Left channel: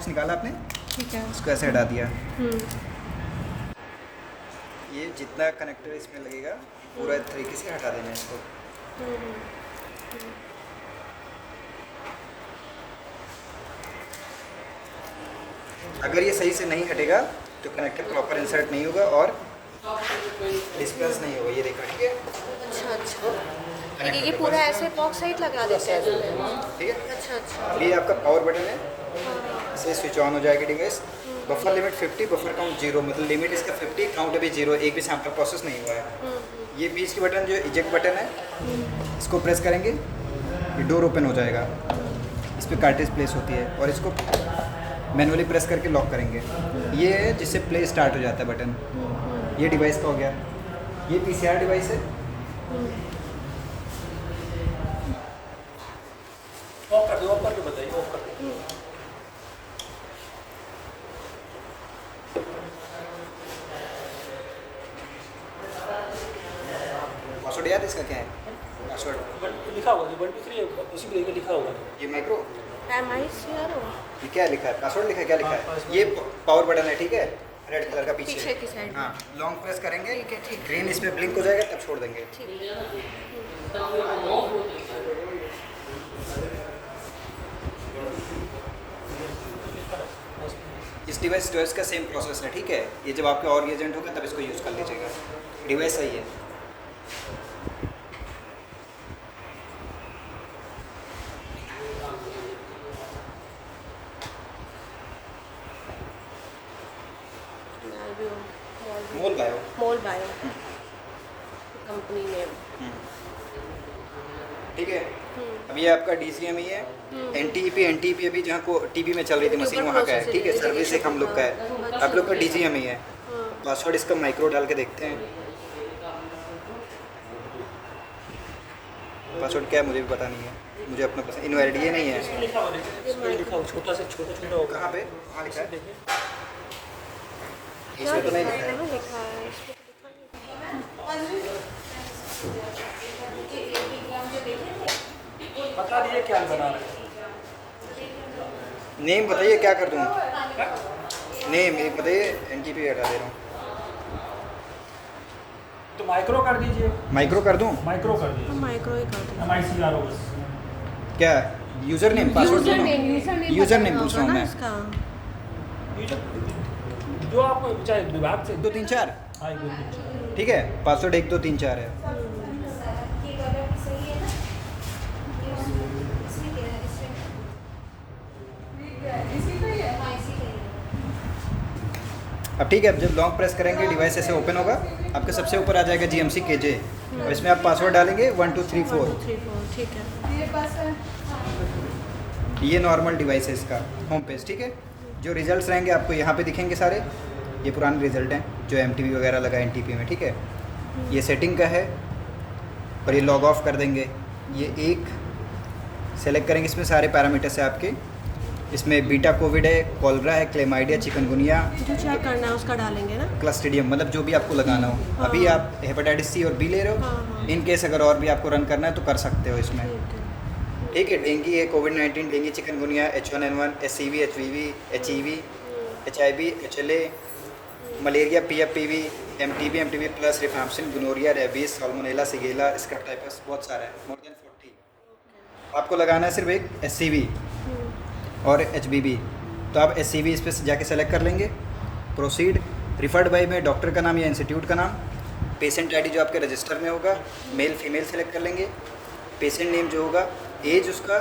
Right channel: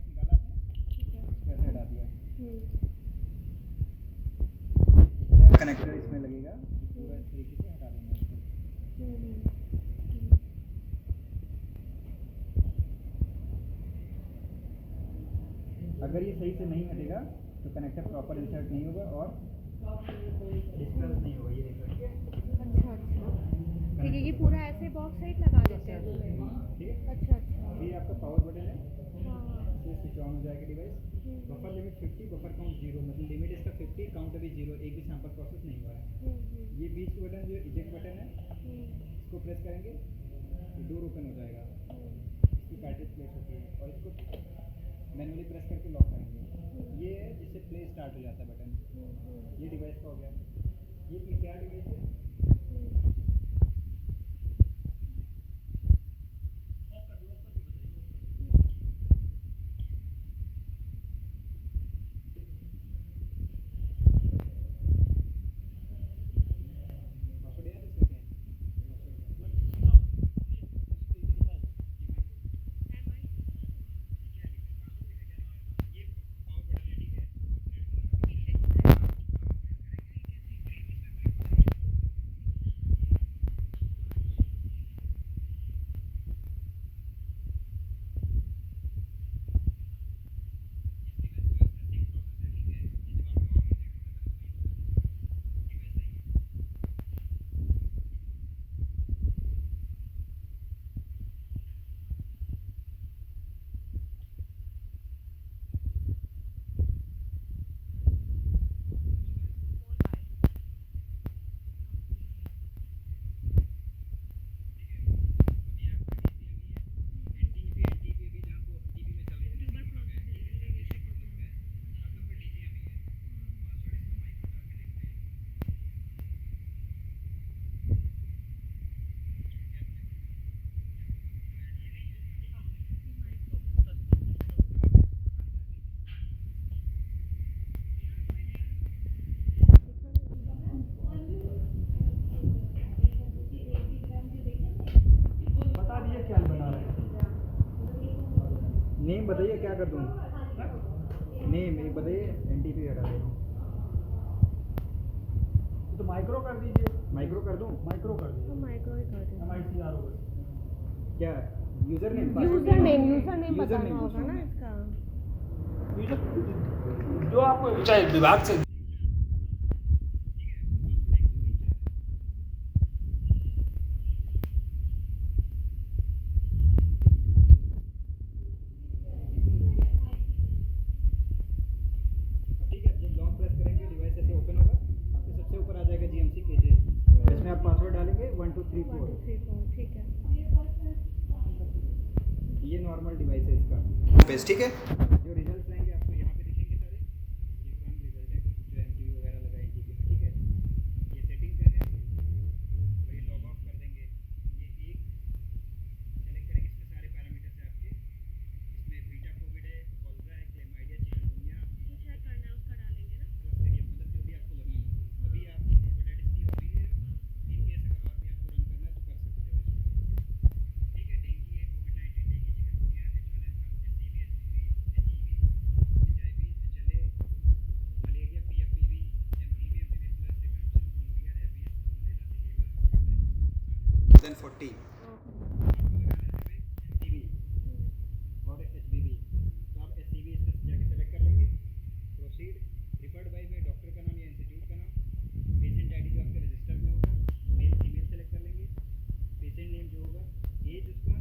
Box निकाला आपने, ठीक है। उसको ऐसे हटा दिया। हम्म। ये जितना कनेक्टर इसमें लगेगा पूरा तरीके से हटा देना है इसको। हम्म। अगर ये सही से नहीं हटेगा तो कनेक्टर प्रॉपर इंसर्ट नहीं होगा और डिस्पेंस नहीं होगा। ये देखो, ठीक है। अच्छा अच्छा, ठीक है। ये पूरा ऐसे बॉक्स साइड लगा देते हैं इसमें। ठीक है। अच्छा अच्छा। अब ये आपका पावर बटन है, हाँ। इसे स्विच ऑन हो जाएगी device. Buffer limit 50, buffer count 0, मतलब लिमिट इसका 50, काउंट अभी 0, एक भी सैम्पल प्रोसेस नहीं हुआ है। ये बीच की बटन जो इजेक्ट बटन है, इसको प्रेस करेंगे, ये डोर ओपन हो जाएगा। इस पर कार्टेज प्लेस होती है और इसको मैनुअली प्रेस करके लॉक करेंगे। ये है जिससे प्ले स्टार्ट हो जाता है बटन। ये डिवाइस का हो गया। ये पीसीआर डिवाइस है। ऑफ कर दो, ऑफ करके बताइए, ऑफ कर दो। पासवर्ड याद है इसका क्या है? पासवर्ड लिखा होगा 1 2 3 उसी पे लेके लिखा होगा। ये माइक्रो, MICR हो ये क्या लिखा है? पासवर्ड लिखा है, क्या लिखा हाँ, है? ये पावर बटन है, ठीक है, रेड कलर का पीछे पीछे। की साइड। हाँ, लॉन्ग प्रेस करेंगे, ठीक है, ठीक है। ग्रीन इस पे ब्लिंक हो जाएगा, तब छोड़ देंगे। ठीक है। इस डिवाइस चॉइस का सेम प्रोसेस है, ठीक है। ये जब आपका और एजेंट होगा तब इसको यूज़ कर लीजिएगा। डिवाइस सही है। Molbio. Molbio company name. ठीक है। अब ये आपका DCME है। NTP अभी जहाँ को टीपी में चल रही थी मशीन वहाँ का है, ठीक है। सर्विस एक हम लोग का है, आप लोग का DCME है। पासवर्ड इसका माइक्रो डाल के देखते हैं। पासवर्ड क्या है मुझे भी पता नहीं है, मुझे अपना पसंद इनवैलिड ये नहीं है। लिखा हुआ देखिए, इसमें लिखा हुआ छोटा से छोटा होगा। कहाँ पे? कहाँ लिखा है? देखिए इसमें तो नहीं लिखा है। लिखा है, इस पे लिखा नहीं। बता दिए क्या बना रहे हैं। नेम बताइए, क्या कर दूँ? नेम एक बताइए, NTP हटा दे रहा हूँ। तो माइक्रो कर दीजिए, माइक्रो कर दूँ? माइक्रो कर हम दीजिए। माइक्रो ही कर देंगे। MICR हो बस। क्या user name? User name user name पूछ रहा हूँ मैं। इसका। जो आपको चाहे विभाग से 1 2 3 4, हाँ, एक दो तीन चार। ठीक है। पासवर्ड 1 2 3 4 है। अब ठीक है, अब जब लॉन्ग प्रेस करेंगे डिवाइस ऐसे ओपन होगा। आपके सबसे ऊपर आ जाएगा GMC KJ और इसमें आप पासवर्ड डालेंगे 1 2 3 4। 1 2 3 4, ठीक है। ये नॉर्मल डिवाइस है इसका होम पेज, ठीक है। जो रिजल्ट्स रहेंगे आपको यहाँ पे दिखेंगे सारे। ये पुराने रिजल्ट हैं जो MTP वगैरह लगा NTP में, ठीक है। ये सेटिंग का है और ये लॉग ऑफ कर देंगे। ये एक सेलेक्ट करेंगे, इसमें सारे पैरामीटर्स है आपके। इसमें बीटा कोविड है, कॉलरा है, क्लेमाइडिया, चिकनगुनिया, जो चेक करना है उसका डालेंगे ना। क्लस्ट्रीडियम, मतलब जो भी आपको लगाना हो। हाँ। अभी आप हेपेटाइटिस C और B ले रहे हाँ, हो। हाँ। इन केस अगर और भी आपको रन करना है तो कर सकते हो इसमें, ठीक है। ठीक है। डेंगू है, कोविड-19, dengue, chikungunya, H1N1, SCV, HVV, HEV, HIV, HLA, malaria, PFPV, MTB plus, rifampicin, gonorrhoea, rabies, salmonella, shigella, scrub typhus, बहुत सारा है, मोर देन 40। आपको लगाना है सिर्फ एक SCV और HBV। तो आप SCV इस पर जाके सेलेक्ट कर लेंगे। प्रोसीड, रिफर्ड बाय में डॉक्टर का नाम या इंस्टीट्यूट का नाम, पेशेंट ID जो आपके रजिस्टर में होगा, मेल फीमेल सेलेक्ट कर लेंगे। पेशेंट नेम जो होगा, एज उसका,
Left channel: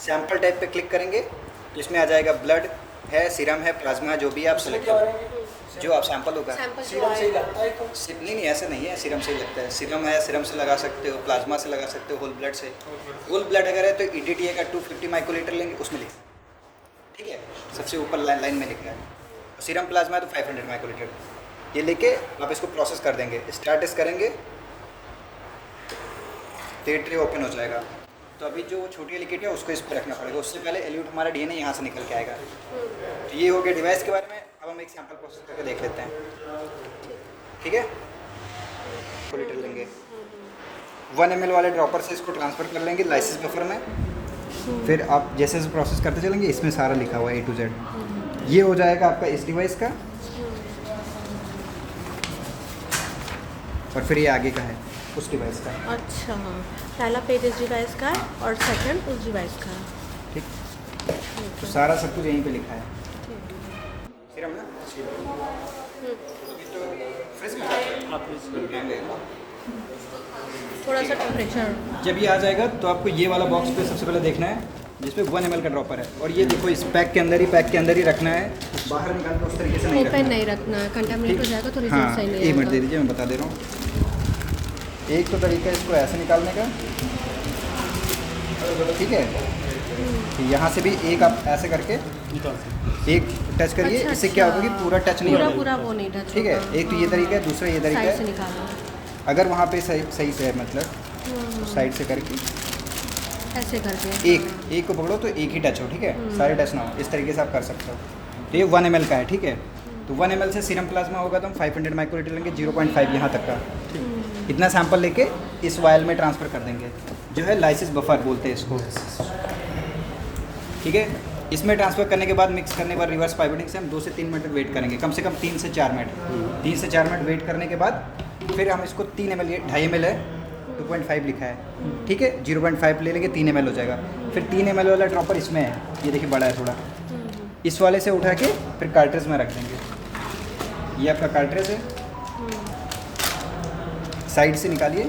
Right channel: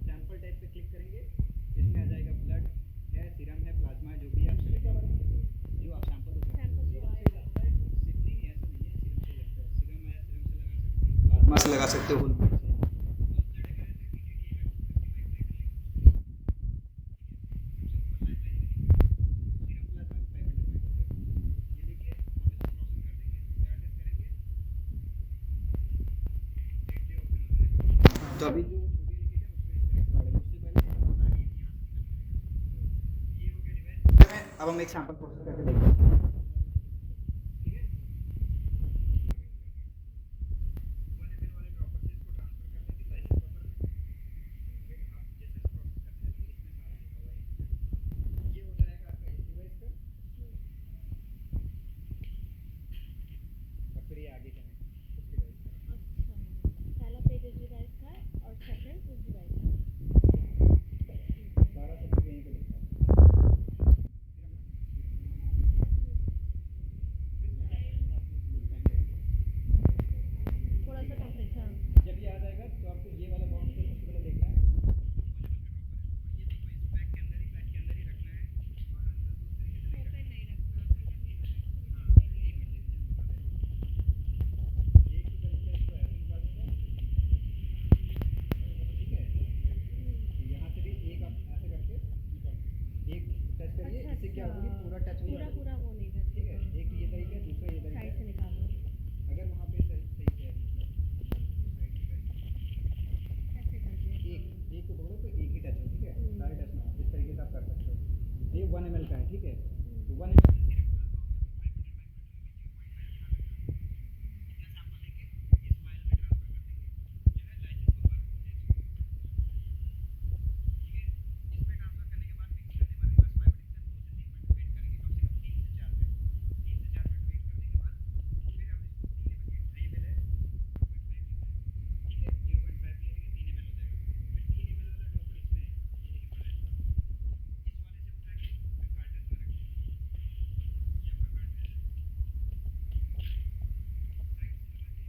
सैम्पल टाइप पे क्लिक करेंगे तो इसमें आ जाएगा ब्लड है, सीरम है, प्लाज्मा, जो भी आप सेलेक्ट करेंगे, जो आप सैंपल होगा। सैंपल जो सीरम से ही लगता है तो नहीं ऐसा नहीं है, सीरम से ही लगता है। सीरम है, सीरम से लगा सकते हो, प्लाज्मा से लगा सकते हो, होल ब्लड से। होल ब्लड अगर है तो ETTA का 250 माइक्रोलीटर लेंगे, उसमें लिख, ठीक है। सबसे ऊपर लाइन में लिखना है। सीरम प्लाज्मा है तो 500 माइक्रोलीटर। ये लेके आप इसको प्रोसेस कर देंगे। स्टार्ट करेंगे तो ट्रे ओपन हो जाएगा। तो अभी जो छोटी वाली किट है उसको इस पर रखना पड़ेगा। उससे पहले एल्यूट हमारा DNA यहाँ से निकल के आएगा। तो ये हो गया डिवाइस के बारे में। अब हम एक सैंपल प्रोसेस करके देख लेते हैं, ठीक है। लीटर लेंगे, 1 ml वाले ड्रॉपर से इसको ट्रांसफ़र कर लेंगे लाइसिस बफर में। फिर आप जैसे जैसे प्रोसेस करते चलेंगे इसमें सारा लिखा हुआ है A to Z। ये हो जाएगा आपका इस डिवाइस का, और फिर ये आगे का है उस डिवाइस का। अच्छा, पहला पेज इस डिवाइस का है और सेकंड उस डिवाइस का है। ठीक, तो सारा सब कुछ यहीं पे लिखा है। फिर हम थोड़ा सा टेम्परेचर। जब ये आ जाएगा तो आपको ये वाला बॉक्स पे सबसे पहले देखना है जिसमें 1 ml का ड्रॉपर है, और ये देखो इस पैक के अंदर ही रखना है, बाहर निकाल के उस तरीके से नहीं ओपन रखना नहीं रखना है, कंटामिनेट हो जाएगा तो है। रिजल्ट हाँ, सही नहीं एक मिनट दे आएगा। दीजिए, मैं बता दे रहा हूँ। एक तो तरीका है इसको ऐसे निकालने का, ठीक है। तो यहाँ से भी एक आप ऐसे करके निकाल सकते एक टच करिए, अच्छा, इससे क्या होगा कि पूरा टच नहीं पूरा होगा। पूरा वो नहीं टच ठीक है, होगा। एक तो ये तरीका है, दूसरा ये तरीका साइड से है। निकालो। अगर वहाँ पे सही से है मतलब तो साइड से करके ऐसे करके एक को पकड़ो तो एक ही टच हो, ठीक है, सारे टच ना हो, इस तरीके से आप कर सकते हो। तो ये 1 ml का है, ठीक है। तो 1 ml से सीरम प्लाज्मा होगा तो हम 500 माइक्रोलीटर लेंगे, 0.5 यहाँ तक का। इतना सैंपल लेके इस वायल में ट्रांसफ़र कर देंगे, जो है लाइसिस बफर बोलते हैं इसको, ठीक है। इसमें ट्रांसफ़र करने के बाद मिक्स करने के बाद रिवर्स पाइपेटिंग से हम 2 से 3 मिनट वेट करेंगे, कम से कम 3 से 4 मिनट। 3 से 4 मिनट वेट करने के बाद फिर हम इसको 3 ml, 2.5 ml है, 2.5 लिखा है, ठीक है। 0.5 ले लेंगे, 3 ml हो जाएगा। फिर 3 ml वाला ड्रॉपर इसमें है, ये देखिए बड़ा है थोड़ा, इस वाले से उठा के फिर कार्ट्रिज में रख देंगे। ये आपका कार्ट्रिज है, साइड से निकालिए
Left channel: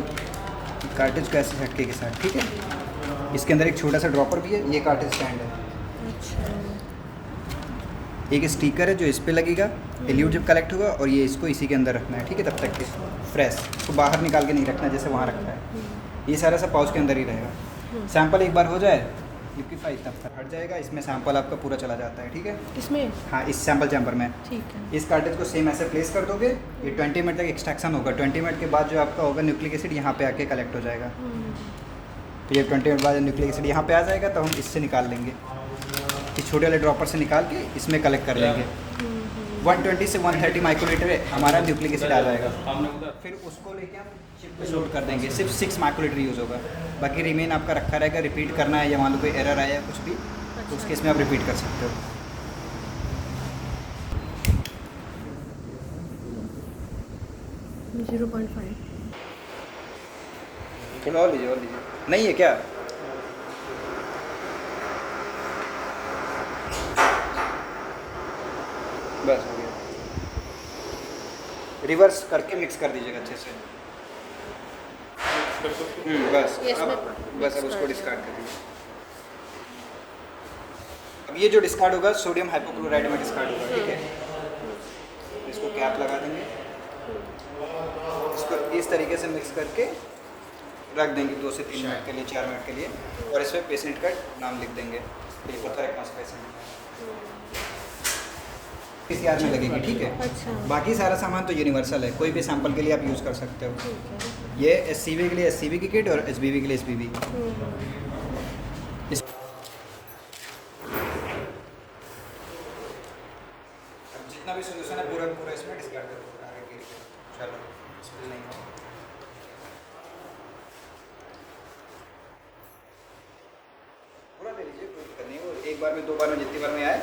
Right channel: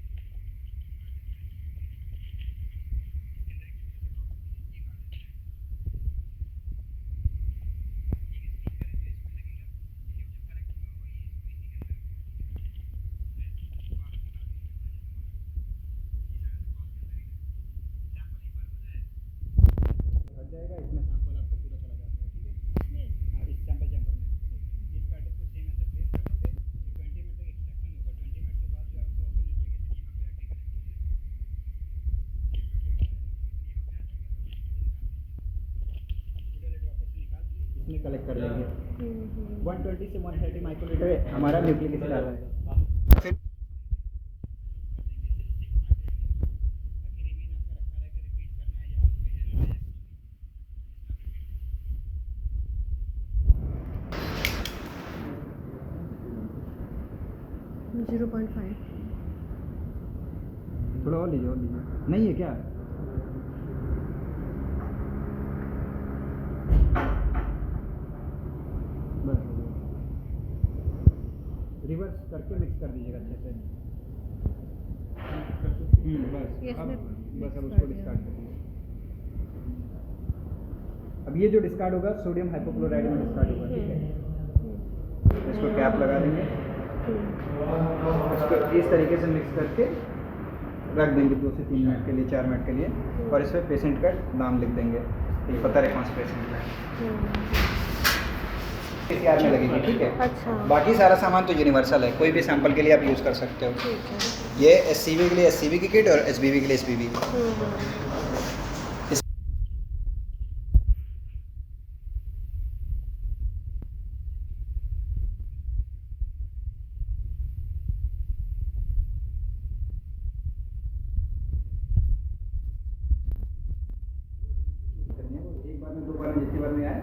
कार्ट्रिज को ऐसे झटके के साथ, ठीक है। इसके अंदर एक छोटा सा ड्रॉपर भी है, ये कार्ट्रिज स्टैंड है। एक स्टिकर है जो इस पे लगेगा, एल्यूट जब कलेक्ट होगा, और ये इसको इसी के अंदर रखना है, ठीक है। तब तक के फ्रेश, इसको बाहर निकाल के नहीं रखना जैसे वहाँ रखा है। ये सारा सब पाउच के अंदर ही रहेगा। सैंपल एक बार हो जाए, लिक्विफाई तब तक हट जाएगा, इसमें सैंपल आपका पूरा चला जाता है, ठीक है। इसमें हाँ, इस सैंपल चैम्बर में ठीक है। इस कार्ट्रिज को सेम ऐसे प्लेस कर दोगे। ये 20 मिनट तक एक्सट्रैक्शन होगा। 20 मिनट के बाद जो आपका होगा न्यूक्लिक एसिड यहाँ पे आके कलेक्ट हो जाएगा। तो ये 20 मिनट बाद न्यूक्लिक एसिड यहाँ पे आ जाएगा, तो हम इससे निकाल लेंगे, इस छोटे वाले ड्रॉपर से निकाल के इसमें कलेक्ट कर लेंगे। 120 से 130 माइक्रोलीटर हमारा न्यूक्लिक एसिड आ जाएगा। फिर उसको लेके हम चिप पे लोड कर देंगे, सिर्फ 6 माइक्रोलीटर यूज़ होगा, बाकी रिमेन आपका रखा रहेगा। रिपीट करना है या मान लो कोई एरर आया है कुछ भी, तो उस केस में आप रिपीट कर सकते हो। जीरो 0.5 थोड़ा और लीजिए, नहीं है क्या? बस हो गया। रिवर्स करके मिक्स कर दीजिएगा अच्छे से। बस ये इसमें अब mix अब कर उसको दिया। डिस्कार्ड कर दीजिए। अब ये जो डिस्कार्ड होगा सोडियम हाइपोक्लोराइड में डिस्कार्ड होगा, ठीक है। इसको कैप लगा देंगे, इसको इस तरीके से मिक्स करके रख देंगे 2 से 3 मिनट के लिए, 4 मिनट के लिए, और इसमें पेशेंट का नाम लिख देंगे, तो ये पता रहे कौन सा पेशेंट है। इसी आर में लगेगी, ठीक है। अच्छा। बाकी सारा सामान तो यूनिवर्सल है, कोई भी सैंपल के लिए आप यूज़ कर सकते हो। ठीक है। ये SCV के लिए SCV की किट और SBV के लिए SBV की। इस जितना भी सॉल्यूशन है पूरा पूरा इसमें डिस्कार्ड कर दो आगे के लिए। चलो स्पिल नहीं हो। पूरा ले लीजिए, कोई दिक्कत नहीं है। वो एक बार में 2 बार में जितनी बार में आए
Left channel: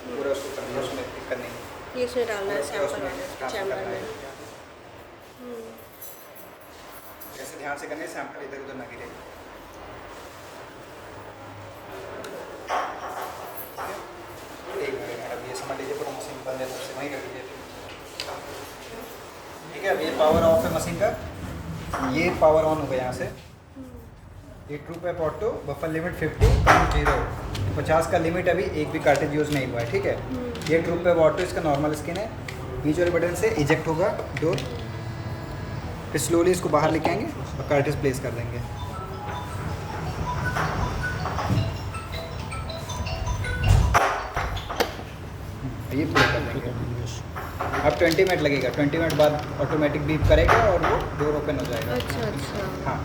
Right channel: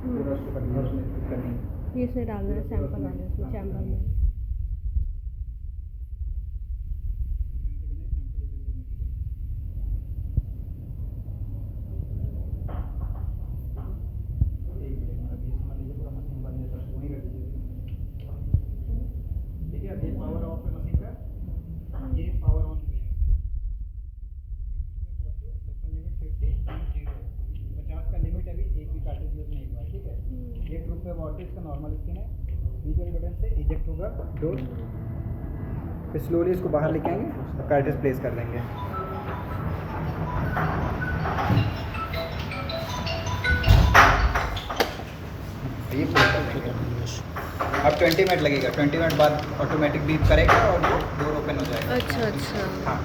पूरा उसको कर दो, उसमें दिक्कत नहीं है। ये इसमें डालना है सैंपल वाले इसमें चैम्बर में। ऐसे ध्यान से करने, सैंपल इधर उधर ना गिरे। एक मिनट, अब ये समझ लीजिए पूरा मशीन बंद है, सबसे वहीं कर दीजिए, ठीक है। अब ये पावर ऑफ है मशीन का, ये पावर ऑन हो गया यहाँ से। ये ट्रू पे ऑटो बफर लिमिट 50 काउंट 0, 50 का लिमिट अभी एक भी कार्टेज यूज़ नहीं हुआ है, ठीक है। ये ट्रू पे ऑटो इसका नॉर्मल स्किन है, बीच वाले बटन से इजेक्ट होगा डोर, फिर स्लोली इसको बाहर लेके आएंगे और कार्टेज प्लेस कर देंगे। ये प्लेस कर देंगे। अब 20 मिनट लगेगा, 20 मिनट बाद ऑटोमेटिक बीप करेगा और वो डोर ओपन हो जाएगा। अच्छा अच्छा। हाँ,